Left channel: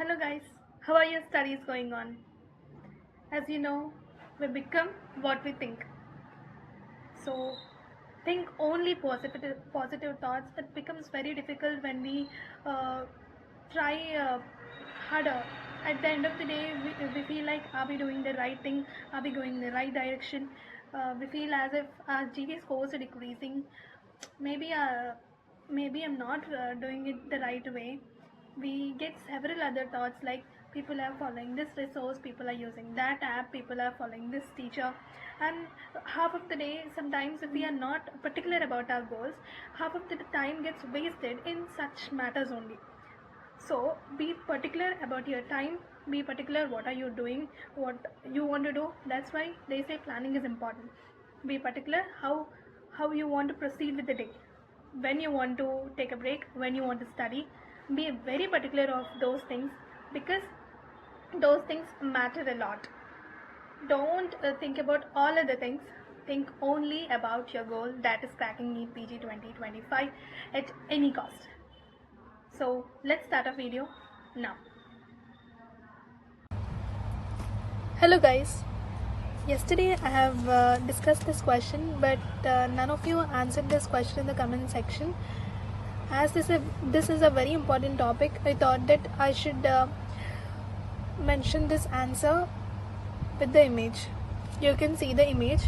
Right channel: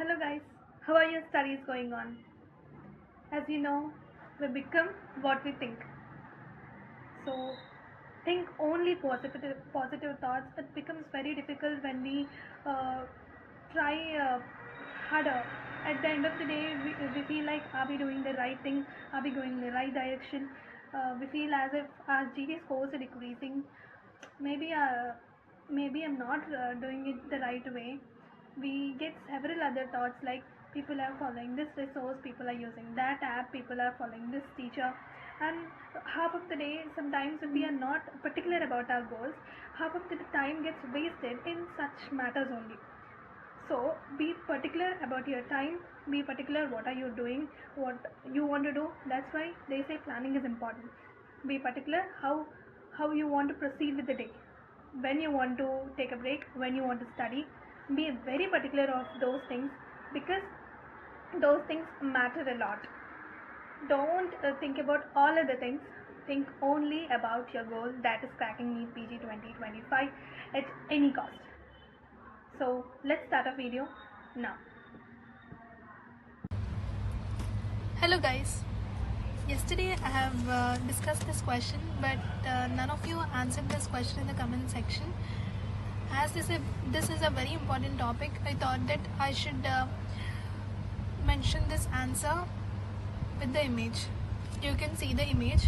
Hello guys, how are your studies going on? As you know, we become what we think. So think only positive thoughts. It becomes very difficult when we try harder. At the end of the day, we feel like, are we doing the right thing? Are we going in the right direction? We feel as if our GP scores are decreasing. Maybe maybe I'm not doing it the right way. We get several other thoughts like people are following this resource, people are using that app, people are following this teacher, and half of the day sometimes if we are not particular about our goals, half of the time gets wasted in such matters only. So be particular about your time, be particular what are you doing, what you want to do. That's why they say planning is important. Be particular how you want to proceed with the day, when you want to take a break, when you want to study. Be very particular of those things because those things matter a lot. Don't think about all other things. Think only about your goal, that is cracking NEET PG 2025 at any cost. So let's start a video now. Hello guys. Yesterday I have discussed this question, but none of you answered this question in the comment section. As this is a very important topic, I thought that I should mention this answer with the image. You can see the image.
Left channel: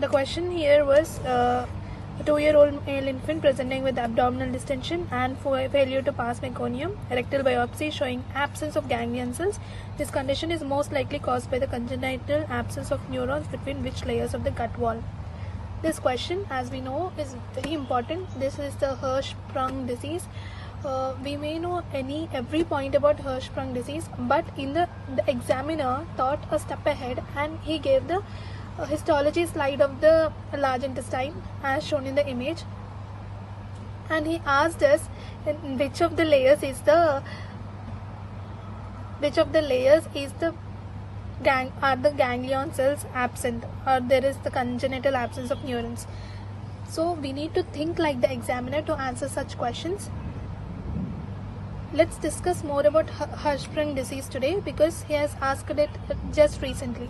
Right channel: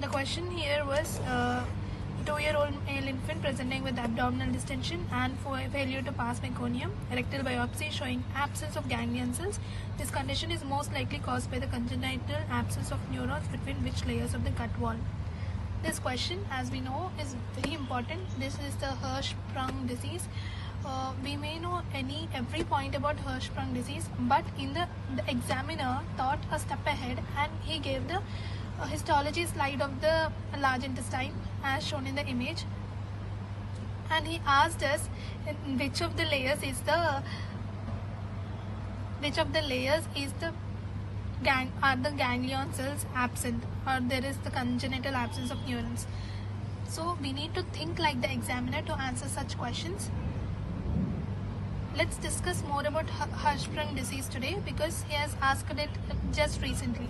The question here was a 2-year-old male infant presenting with abdominal distension and failure to pass meconium, rectal biopsy showing absence of ganglion cells. This condition is most likely caused by the congenital absence of neurons between which layers of the gut wall. This question, as we know, is very important. This is the Hirschsprung disease. We may know every point about Hirschsprung disease, but in the examiner thought a step ahead and he gave the histology slide of the large intestine as shown in the image, and he asked us which of the layers is the are the ganglion cells absent, or there is the congenital absence of neurons. So we need to think like the examiner to answer such questions. Let's discuss more about Hirschsprung disease today because he has asked it just recently.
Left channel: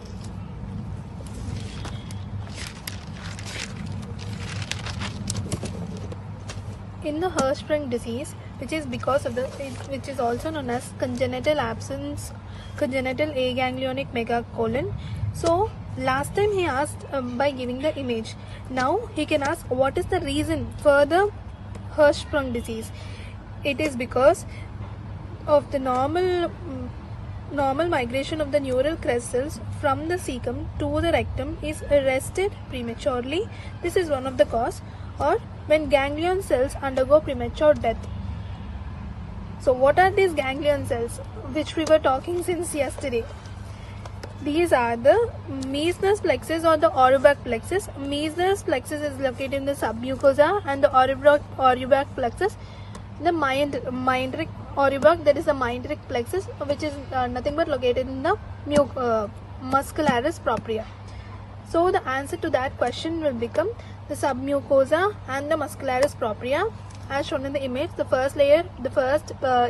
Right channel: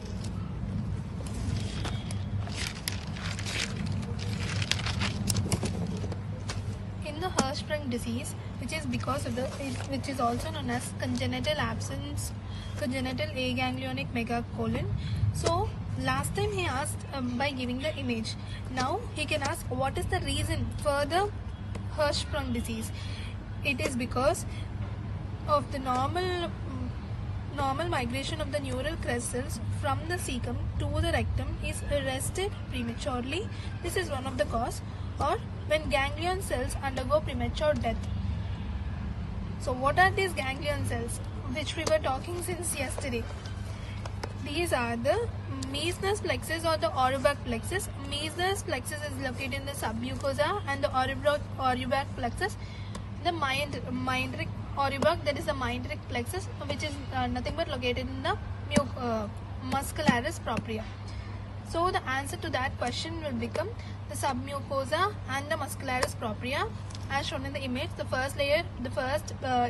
In the Hirschsprung disease, which is also known as congenital aganglionic megacolon. So last time he asked by giving the image. Now he can ask what is the reason for the Hirschsprung disease. It is because of the normal migration of the neural crest cells from the cecum to the rectum is arrested prematurely. This is one of the cause, or when ganglion cells undergo premature death. So what are these ganglion cells which we were talking since yesterday? These are the Meissner's plexus or the Auerbach plexus. Meissner's plexus is located in the submucosa and the Auerbach plexus. The Meindrich Auerbach, there is a Meindrich plexus which is nothing but located in the muscularis propria. So the answer to that question will become the submucosa and the muscularis propria as shown in the image. The first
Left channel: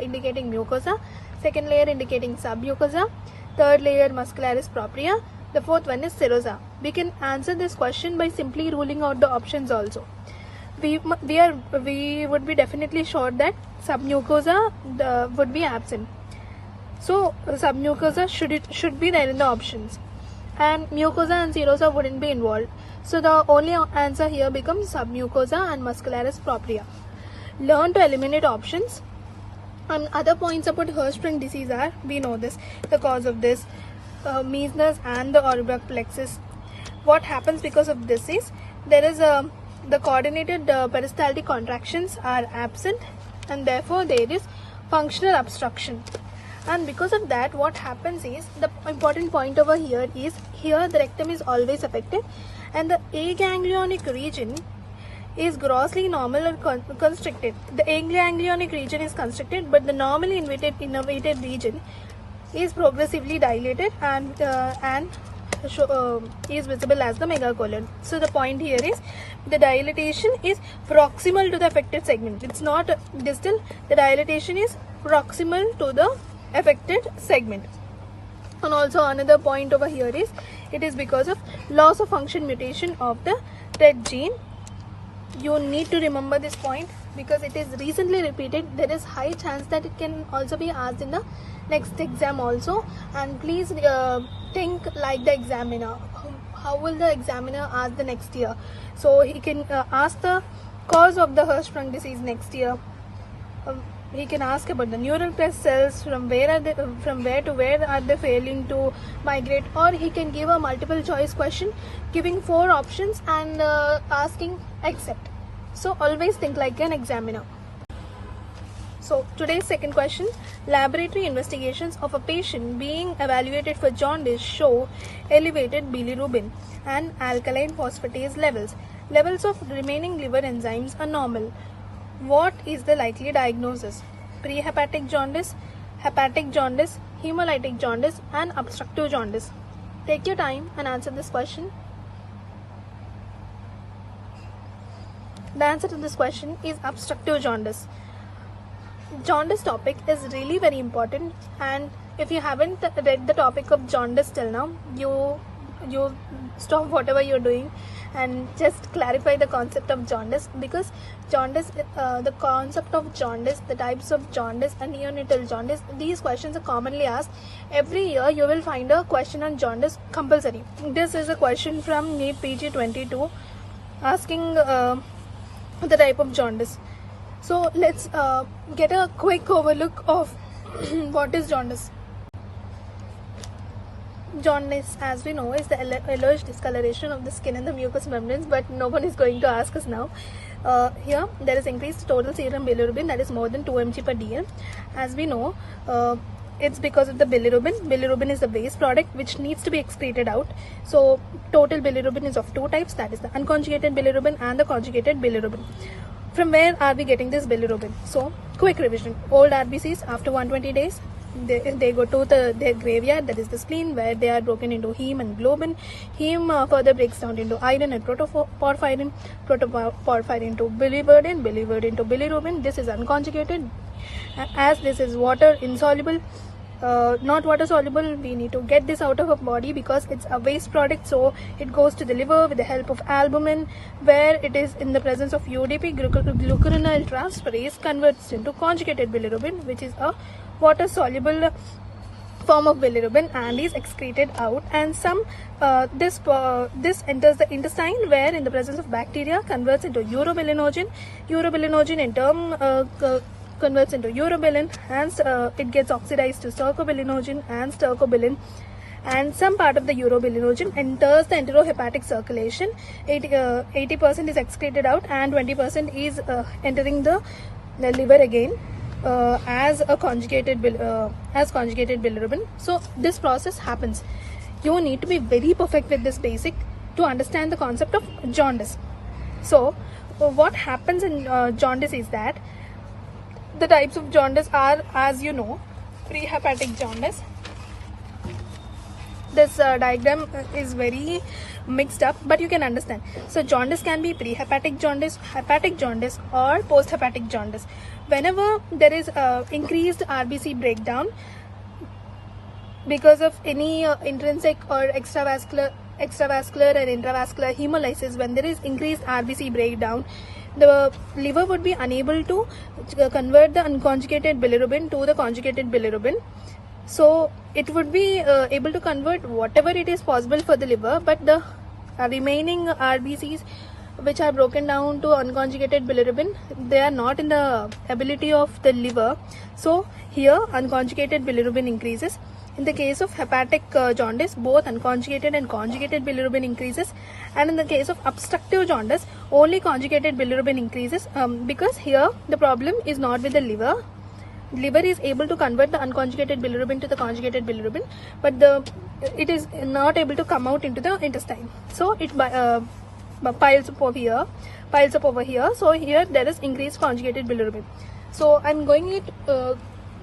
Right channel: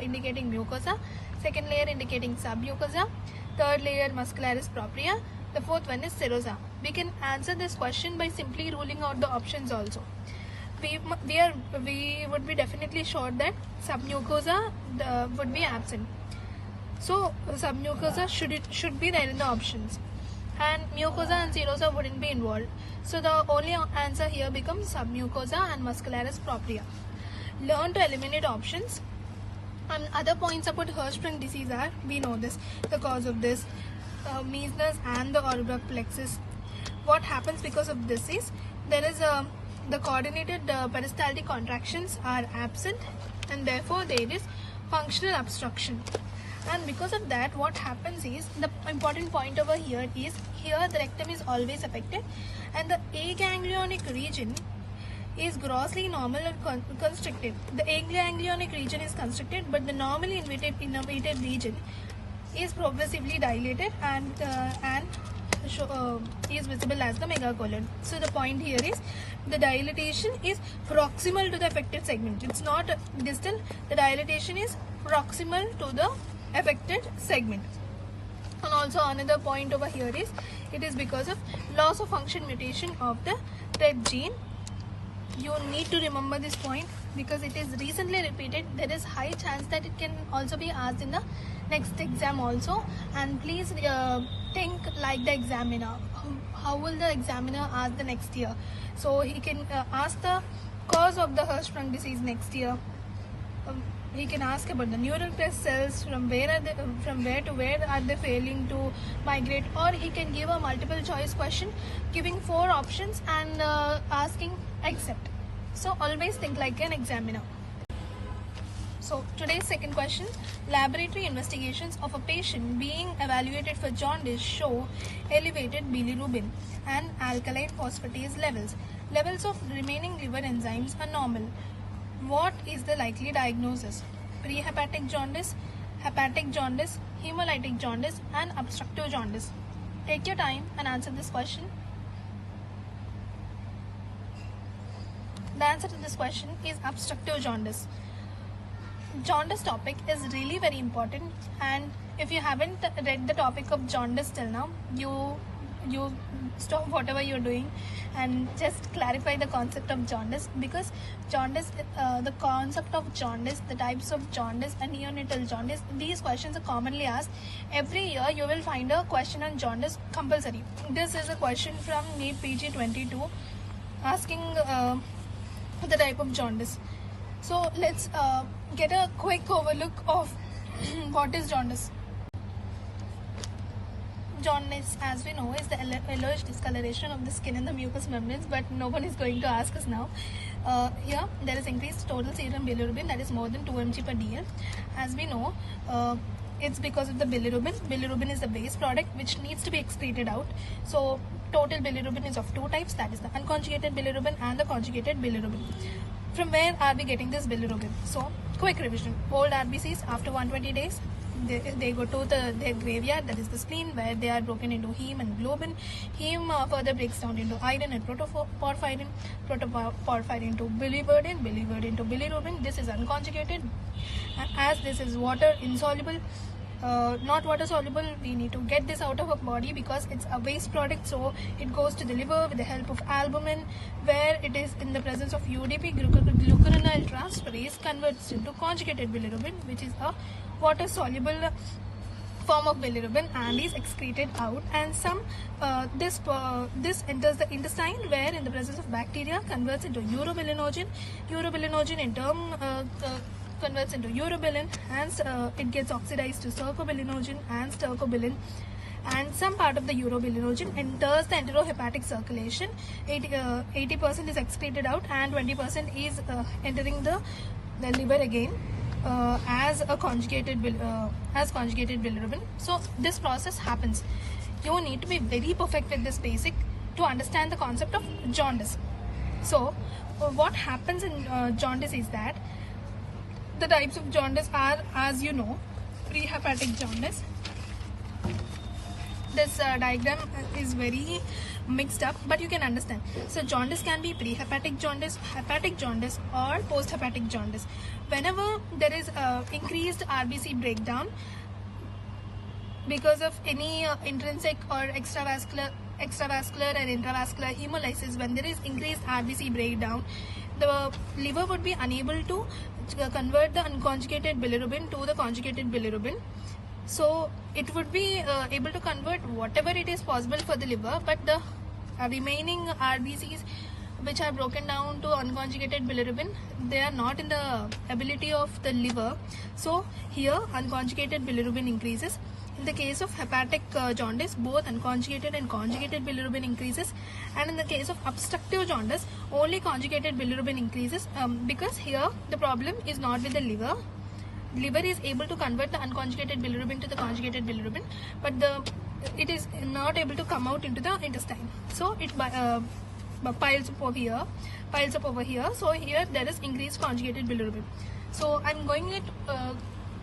indicating mucosa, second layer indicating submucosa, third layer muscularis propria, the fourth one is serosa. We can answer this question by simply ruling out the options also. We would be definitely sure that submucosa would be absent. So submucosa should be there in the options, and mucosa and serosa wouldn't be involved. So the only answer here becomes submucosa and muscularis propria. Learn to eliminate options. And other points about Hirschsprung disease are, we know this, the cause of this, Meissner's and the Auerbach plexus. What happens because of this is, there is the coordinated peristaltic contractions are absent, and therefore there is functional obstruction. And because of that, what happens is, the important point over here is, here the rectum is always affected and the aganglionic region is grossly normal or constricted. The aganglionic region is constricted, but the normally innervated region is progressively dilated, and is visible as the megacolon. So the point here is the dilatation is proximal to the affected segment. It's not distal. The dilatation is proximal to the affected segment. And also another point over here is it is because of loss of function mutation of the PrEP gene. You need to remember this point because it is recently repeated. There is high chance that it can also be asked in the next exam also. And please think like the examiner. How will the examiner ask the next year? So he can ask the cause of the Hirschsprung disease next year. He can ask about the neural crest cells, from where to where are they failing to migrate, or he can give a multiple choice question giving 4 options and asking except. So always think like an examiner. So today's second question, laboratory investigations of a patient being evaluated for jaundice show elevated bilirubin and alkaline phosphatase levels. Levels of remaining liver enzymes are normal. What is the likely diagnosis? Prehepatic jaundice, hepatic jaundice, hemolytic jaundice and obstructive jaundice. Take your time and answer this question. The answer to this question is obstructive jaundice. Jaundice topic is really very important, and if you haven't read the topic of jaundice till now, you stop whatever you're doing and just clarify the concept of jaundice, because jaundice, the concept of jaundice, the types of jaundice and neonatal jaundice, these questions are commonly asked. Every year you will find a question on jaundice compulsory. This is a question from NEET PG 22 asking the type of jaundice. So let's get a quick overlook of what is jaundice. Jaundice, as we know, is the alleged discoloration of the skin and the mucous membranes, but no one is going to ask us now. Here there is increased total serum bilirubin, that is more than 2 mg per dl. As we know, it's because of the bilirubin. Bilirubin is the waste product which needs to be excreted out. So total bilirubin is of 2 types, that is the unconjugated bilirubin and the conjugated bilirubin. From where are we getting this bilirubin? So quick revision. Old RBCs after 120 days, they go to their graveyard, that is the spleen, where they are broken into heme and globin. Heme further breaks down into iron and protoporphyrin, protoporphyrin to biliverdin, biliverdin to bilirubin. This is unconjugated. As this is water insoluble, not water soluble, we need to get this out of our body because it's a waste product. So it goes to the liver with the help of albumin, where it is in the presence of UDP, glucuronide transferase, converts into conjugated bilirubin, which is a water soluble form of bilirubin, and is excreted out. And this enters the intestine, where in the presence of bacteria converts into urobilinogen. Urobilinogen in turn converts into urobilin, and it gets oxidized to stercobilinogen and stercobilin, and some part of the urobilinogen enters the enterohepatic circulation. 80% is excreted out and 20% is entering the liver again as conjugated bilirubin. So this process happens. You need to be very perfect with this basic to understand the concept of jaundice. So what happens in jaundice is that the types of jaundice are, as you know, prehepatic jaundice. This diagram is very mixed up, but you can understand. So jaundice can be prehepatic jaundice, hepatic jaundice or post-hepatic jaundice. Whenever there is increased RBC breakdown because of any intrinsic or extravascular or intravascular hemolysis, when there is increased RBC breakdown, the liver would be unable to convert the unconjugated bilirubin to the conjugated bilirubin. So it would be able to convert whatever it is possible for the liver, but the remaining RBCs which are broken down to unconjugated bilirubin, they are not in the ability of the liver. So here unconjugated bilirubin increases. In the case of hepatic jaundice, both unconjugated and conjugated bilirubin increases, and in the case of obstructive jaundice, only conjugated bilirubin increases because here the problem is not with the liver. Liver is able to convert the unconjugated bilirubin to the conjugated bilirubin, but it is not able to come out into the intestine. So it piles up over here. So here there is increased conjugated bilirubin. So I'm going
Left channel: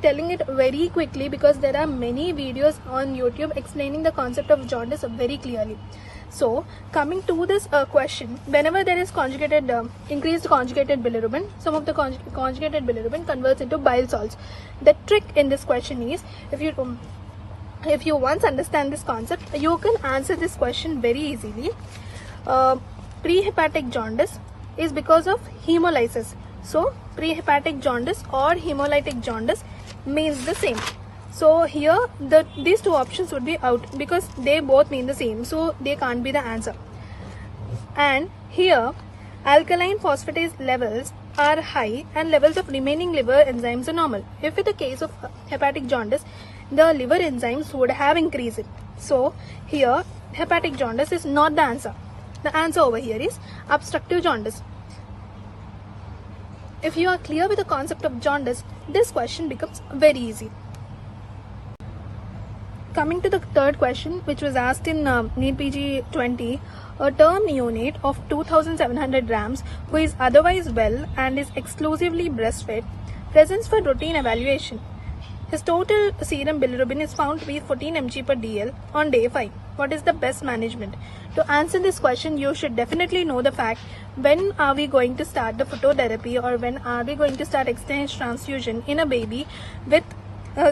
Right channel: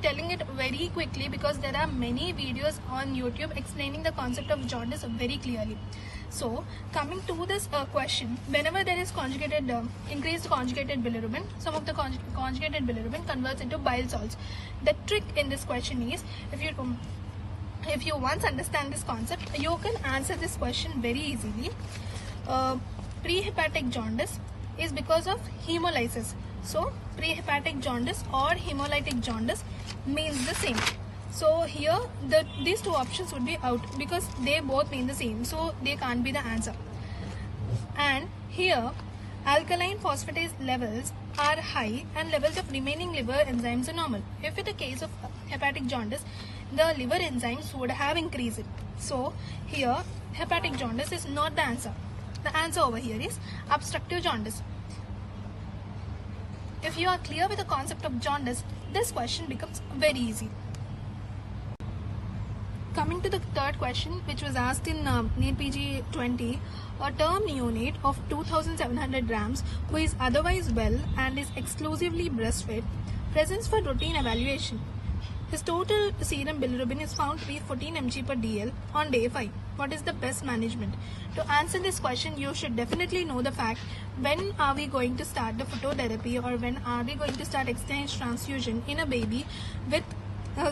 telling it very quickly because there are many videos on YouTube explaining the concept of jaundice very clearly. So coming to this question, whenever there is conjugated increased conjugated bilirubin, some of the conjugated bilirubin converts into bile salts. The trick in this question is, if you once understand this concept, you can answer this question very easily. Prehepatic jaundice is because of hemolysis. So prehepatic jaundice or hemolytic jaundice means the same. So here these two options would be out because they both mean the same, so they can't be the answer. And here alkaline phosphatase levels are high and levels of remaining liver enzymes are normal. If it is a case of hepatic jaundice, the liver enzymes would have increased. So here hepatic jaundice is not the answer. The answer over here is obstructive jaundice. If you are clear with the concept of jaundice, this question becomes very easy. Coming to the third question, which was asked in NEET PG 20, a term neonate of 2700 grams who is otherwise well and is exclusively breastfed presents for routine evaluation. His total serum bilirubin is found to be 14 mg per dl on day 5. What is the best management? To answer this question, you should definitely know the fact when are we going to start the phototherapy or when are we going to start exchange transfusion in a baby with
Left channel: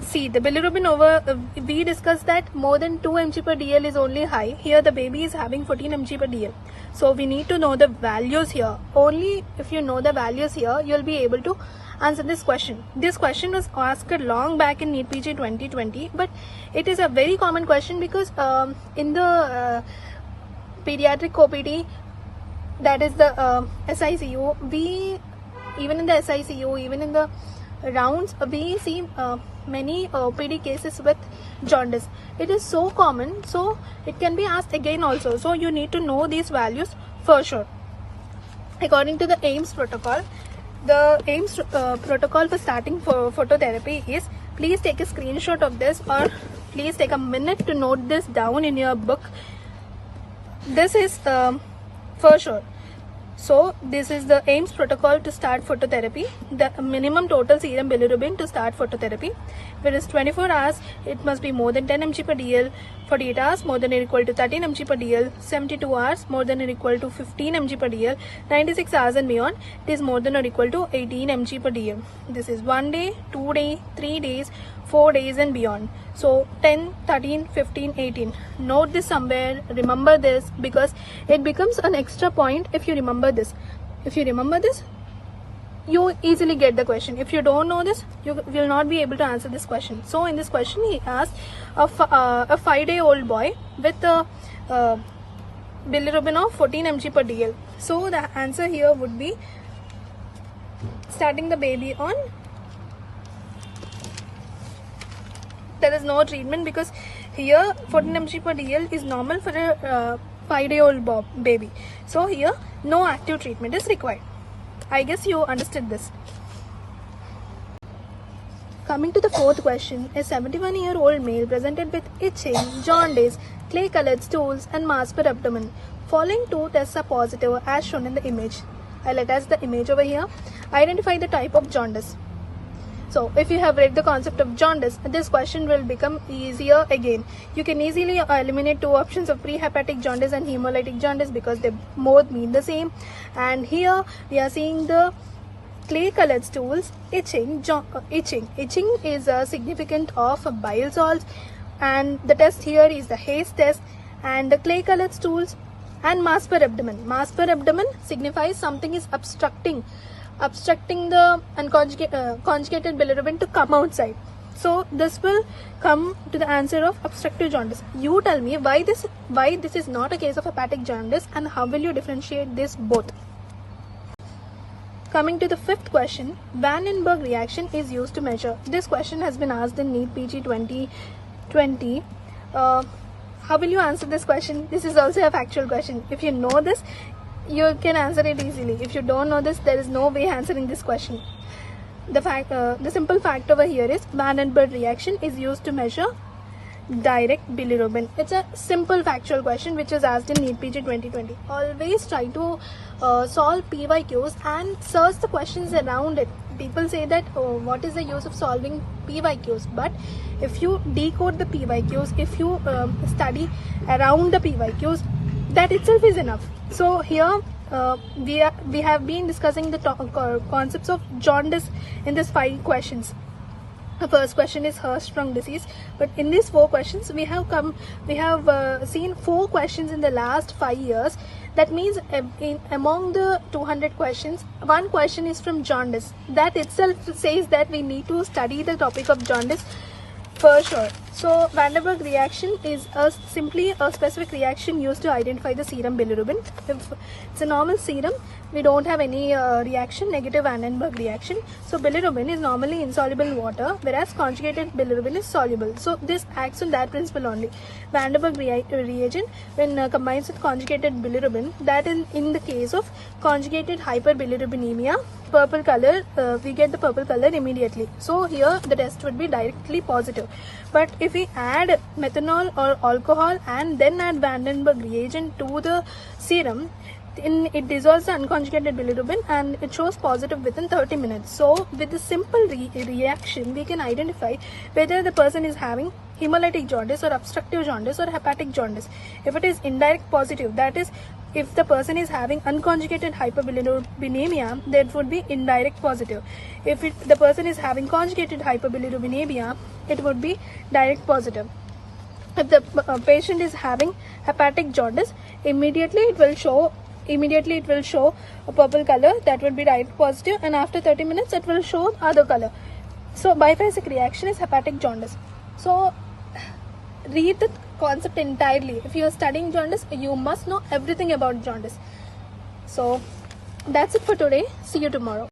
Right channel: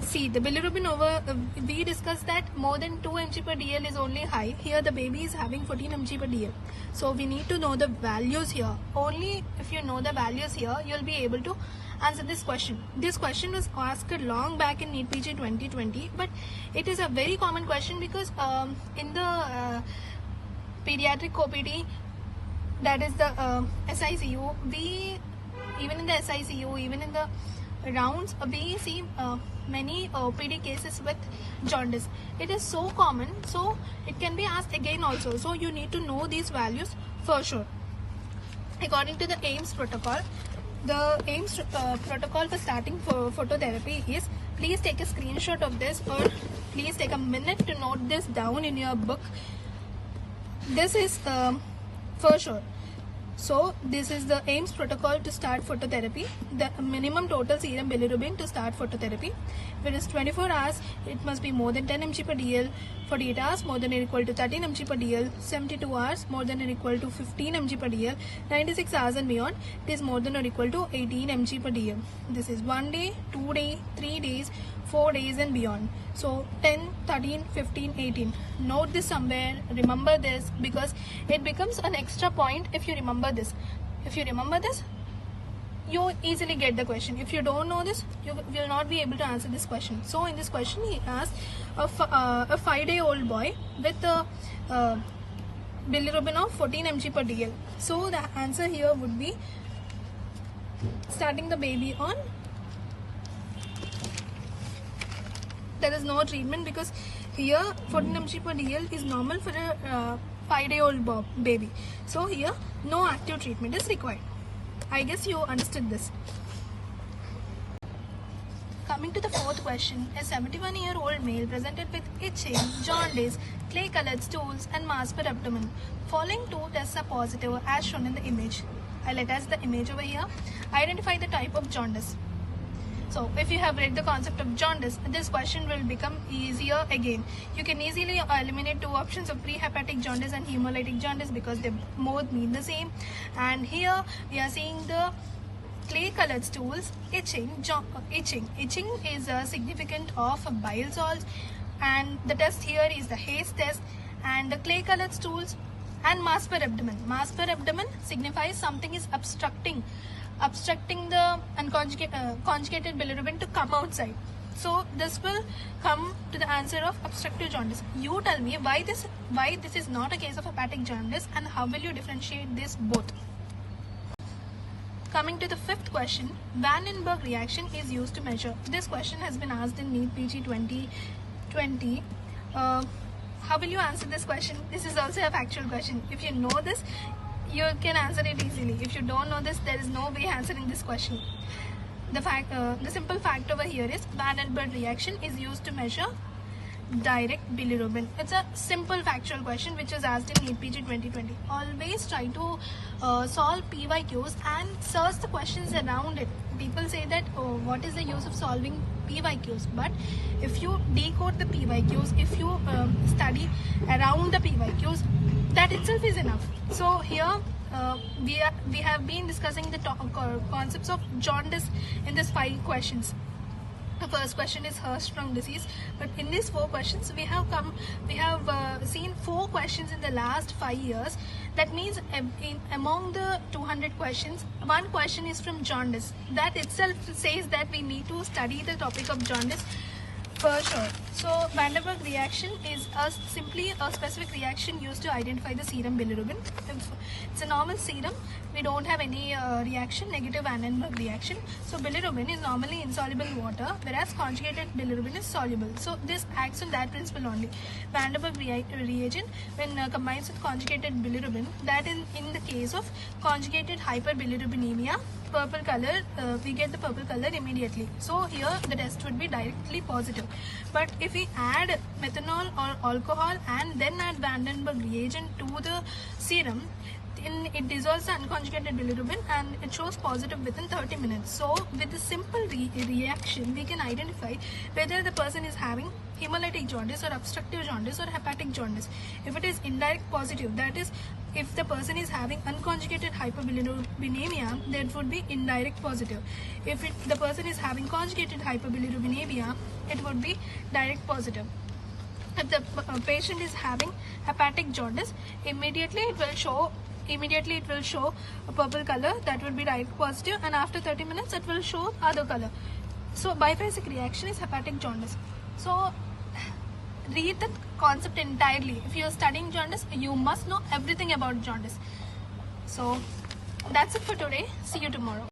see the bilirubin over we discussed that more than 2 mg per dl is only high. Here the baby is having 14 mg per dl. So we need to know the values here. Only if you know the values here, you'll be able to answer this question. This question was asked long back in NEET PG 2020, but it is a very common question because in the pediatric OPD, that is the SICU, even in the SICU, even in the rounds, we see many OPD cases with jaundice. It is so common, so it can be asked again also. So you need to know these values for sure. According to the AIMS protocol, the AIMS protocol for starting for phototherapy is, please take a screenshot of this or please take a minute to note this down in your book. This is for sure. So this is the AIMS protocol to start phototherapy. The minimum total serum bilirubin to start phototherapy. When it's 24 hours, it must be more than 10 mg per dl. 48 hours, more than or equal to 13 mg per dl. 72 hours, more than or equal to 15 mg per dl. 96 hours and beyond, it is more than or equal to 18 mg per dl. This is 1 day, 2 days, 3 days, 4 days and beyond. So 10, 13, 15, 18. Note this somewhere, remember this because it becomes an extra point if you remember this. If you remember this, you easily get the question. If you don't know this, you will not be able to answer this question. So in this question, he asked a 5-day-old boy with a bilirubin of 14 mg per dl. So the answer here would be starting the baby on, there is no treatment because here 14 mg per dl is normal for a 5-day-old baby. So here no active treatment is required. I guess you understood this. Coming to the fourth question, a 71-year-old male presented with itching, jaundice, clay-colored stools and mass per abdomen. Following two tests are positive as shown in the image. I'll attach the image over here. Identify the type of jaundice. So if you have read the concept of jaundice, this question will become easier again. You can easily eliminate two options of prehepatic jaundice and hemolytic jaundice because they both mean the same. And here we are seeing the clay colored stools, itching. Itching is a significant of bile salts, and the test here is the Hayes test. And the clay colored stools and mass per abdomen. Mass per abdomen signifies something is obstructing the conjugated bilirubin to come outside. So this will come to the answer of obstructive jaundice. You tell me why this is not a case of hepatic jaundice and how will you differentiate this both. Coming to the fifth question, Vandenberg reaction is used to measure. This question has been asked in NEET PG 2020. How will you answer this question? This is also a factual question. If you know this, you can answer it easily. If you don't know this, there is no way answering this question. The simple fact over here is Vandenberg reaction is used to measure direct bilirubin. It's a simple factual question which is asked in NEET PG 2020. Always try to solve PYQs and search the questions around it. People say that, oh, what is the use of solving PYQs? But if you decode the PYQs, if you study around the PYQs, that itself is enough. So here we have been discussing the concepts of jaundice in these 5 questions. The first question is Hirschsprung disease, but in these 4 questions we have seen 4 questions in the last 5 years. That means among the 200 questions, 1 question is from jaundice. That itself says that we need to study the topic of jaundice for sure. So Vandenberg reaction is simply a specific reaction used to identify the serum bilirubin. If it's a normal serum, we don't have any reaction, negative Vandenberg reaction. So bilirubin is normally insoluble in water, whereas conjugated bilirubin is soluble. So this acts on that principle only. Vandenberg reagent, when combines with conjugated bilirubin, that is in the case of conjugated hyperbilirubinemia, purple color, we get the purple color immediately. So here the test would be directly positive. But if we add methanol or alcohol and then add Vandenberg reagent to the serum, it dissolves the unconjugated bilirubin and it shows positive within 30 minutes. So with a simple reaction, we can identify whether the person is having hemolytic jaundice or obstructive jaundice or hepatic jaundice. If it is indirect positive, that is, if the person is having unconjugated hyperbilirubinemia, that would be indirect positive. If the person is having conjugated hyperbilirubinemia, it would be direct positive. If the patient is having hepatic jaundice, immediately it will show a purple color, that will be direct positive, and after 30 minutes it will show other color. So biphasic reaction is hepatic jaundice. So read the concept entirely. If you are studying jaundice, you must know everything about jaundice. So that's it for today. See you tomorrow.